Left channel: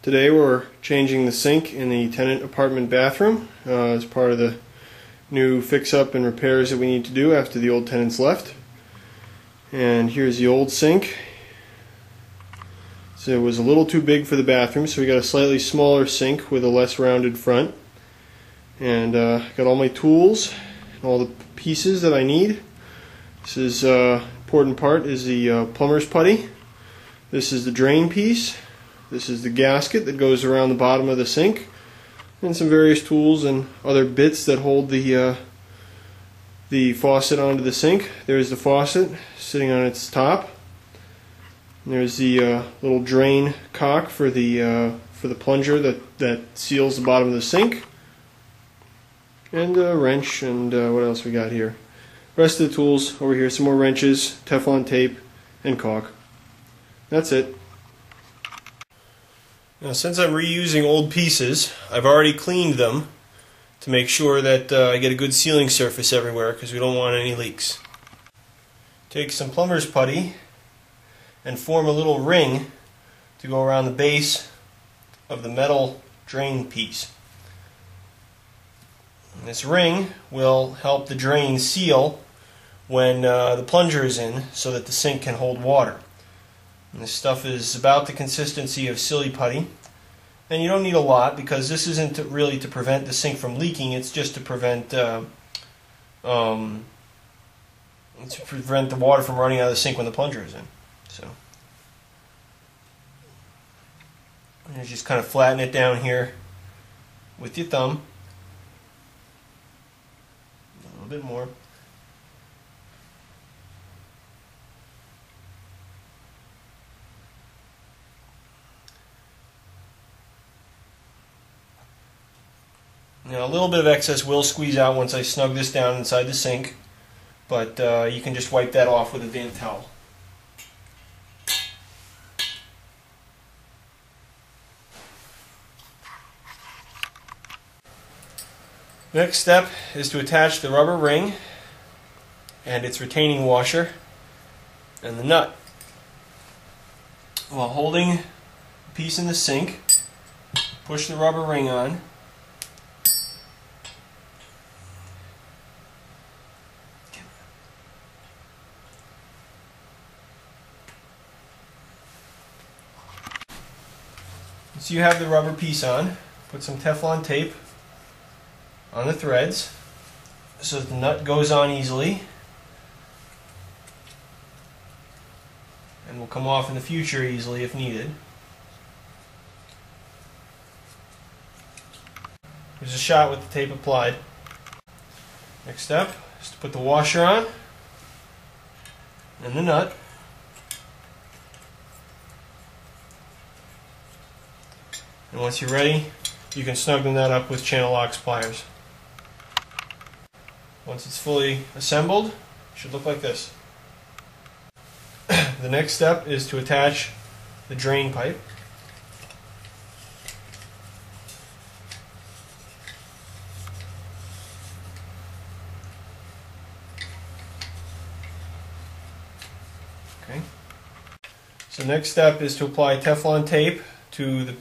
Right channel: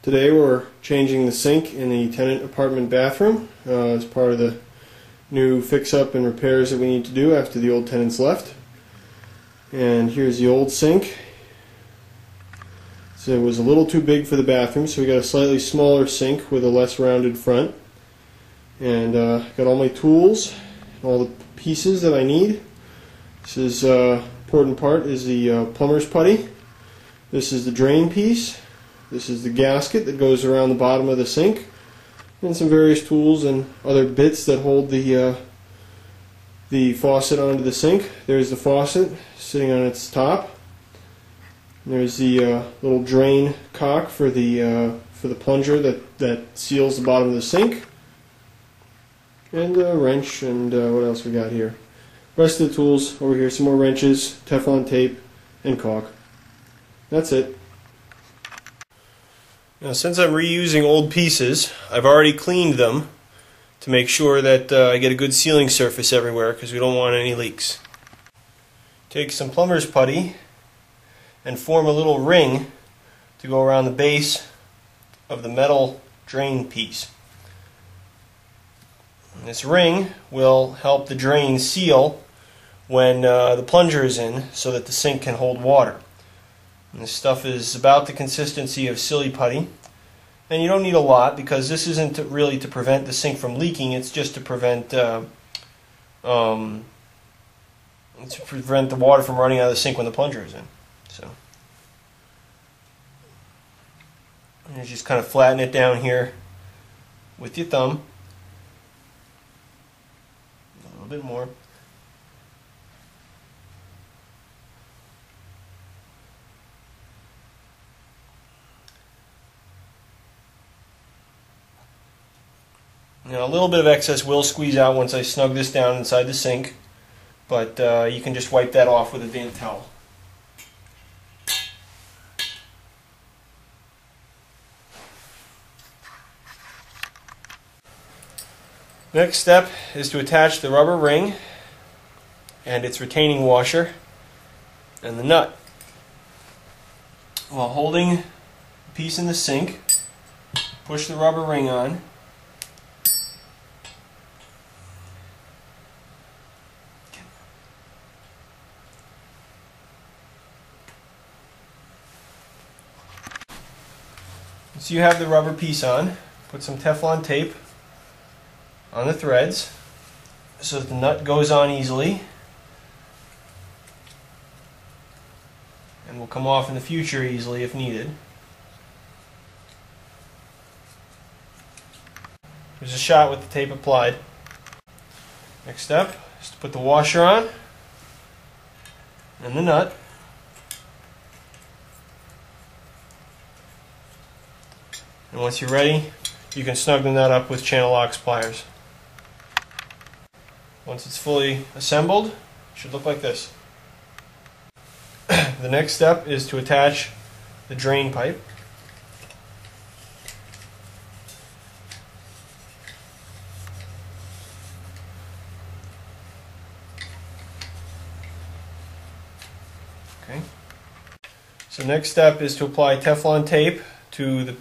Today we're changing the sink in the tenant apartment bathroom as part of the new fix-up and repairs that we need to do after the old tenants left. And here's the old sink. So it was a little too big for the bathroom, so we got a slightly smaller sink with a less rounded front. And got all my tools and all the pieces that I need. This is important part is the plumber's putty. This is the drain piece. This is the gasket that goes around the bottom of the sink, and some various tools and other bits that hold the faucet onto the sink. There's the faucet sitting on its top. And there's the little drain cock for the plunger that seals the bottom of the sink, and a wrench, and what else we got here? Rest of the tools over here. Some more wrenches, Teflon tape, and caulk. That's it. Now, since I'm reusing old pieces, I've already cleaned them to make sure that I get a good sealing surface everywhere, because we don't want any leaks. Take some plumber's putty and form a little ring to go around the base of the metal drain piece. And this ring will help the drain seal when the plunger is in, so that the sink can hold water. And this stuff is about the consistency of silly putty, and you don't need a lot, because this isn't really to prevent the sink from leaking. It's just to prevent the water from running out of the sink when the plunger is in. So you just kind of flatten it down here with your thumb, a little bit more. Now, a little bit of excess will squeeze out once I snug this down inside the sink, but you can just wipe that off with a damp towel. Next step is to attach the rubber ring and its retaining washer and the nut. While holding the piece in the sink, push the rubber ring on. So you have the rubber piece on, put some Teflon tape on the threads so that the nut goes on easily and will come off in the future easily if needed. There's a shot with the tape applied. Next step is to put the washer on and the nut. And once you're ready, you can snug the nut up with channel locks pliers. Once it's fully assembled, it should look like this. The next step is to attach the drain pipe. Okay. So next step is to apply Teflon tape to the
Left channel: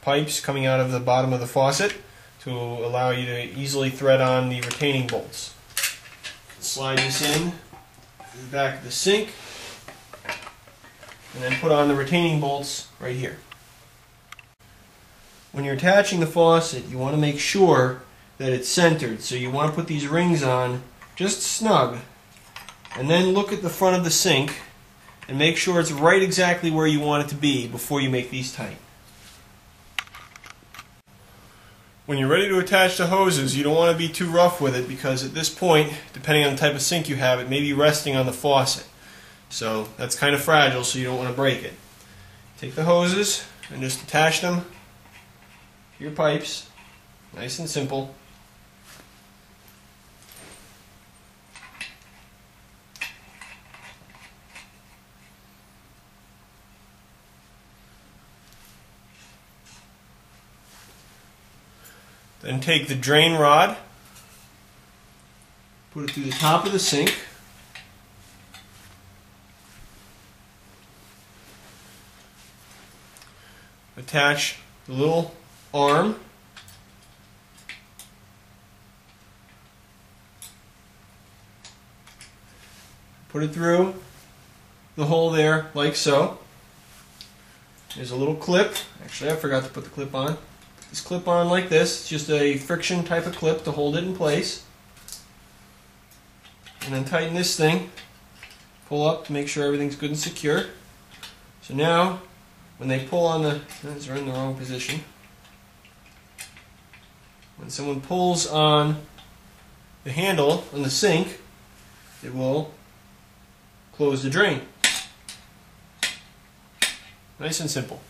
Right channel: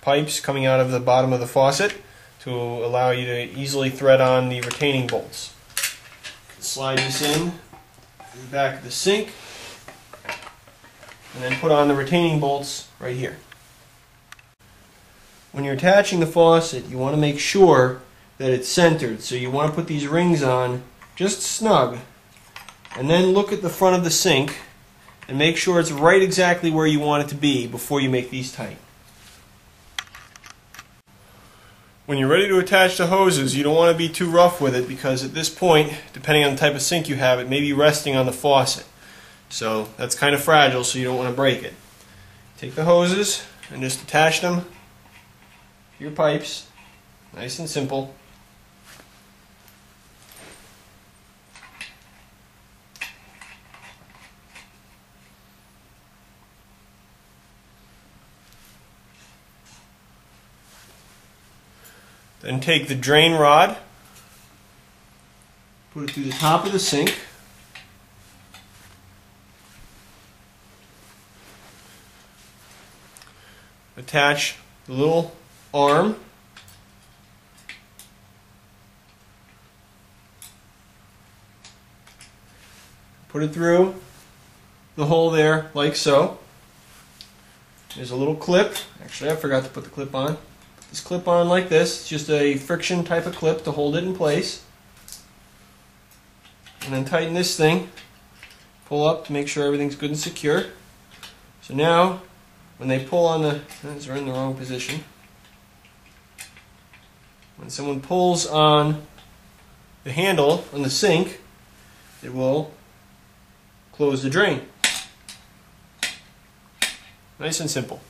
pipes coming out of the bottom of the faucet to allow you to easily thread on the retaining bolts. Slide this in the back of the sink and then put on the retaining bolts right here. When you're attaching the faucet, you want to make sure that it's centered, so you want to put these rings on just snug, and then look at the front of the sink and make sure it's right exactly where you want it to be before you make these tight. When you're ready to attach the hoses, you don't want to be too rough with it, because at this point, depending on the type of sink you have, it may be resting on the faucet. So that's kind of fragile, so you don't want to break it. Take the hoses and just attach them to your pipes. Nice and simple. Then take the drain rod, put it through the top of the sink, attach the little arm. Put it through the hole there, like so. There's a little clip. Actually, I forgot to put the clip on. Put this clip on like this. It's just a friction type of clip to hold it in place. And then tighten this thing. Pull up to make sure everything's good and secure. So now, when they pull on the... These are in the wrong position. When someone pulls on the handle on the sink, it will close the drain. Nice and simple.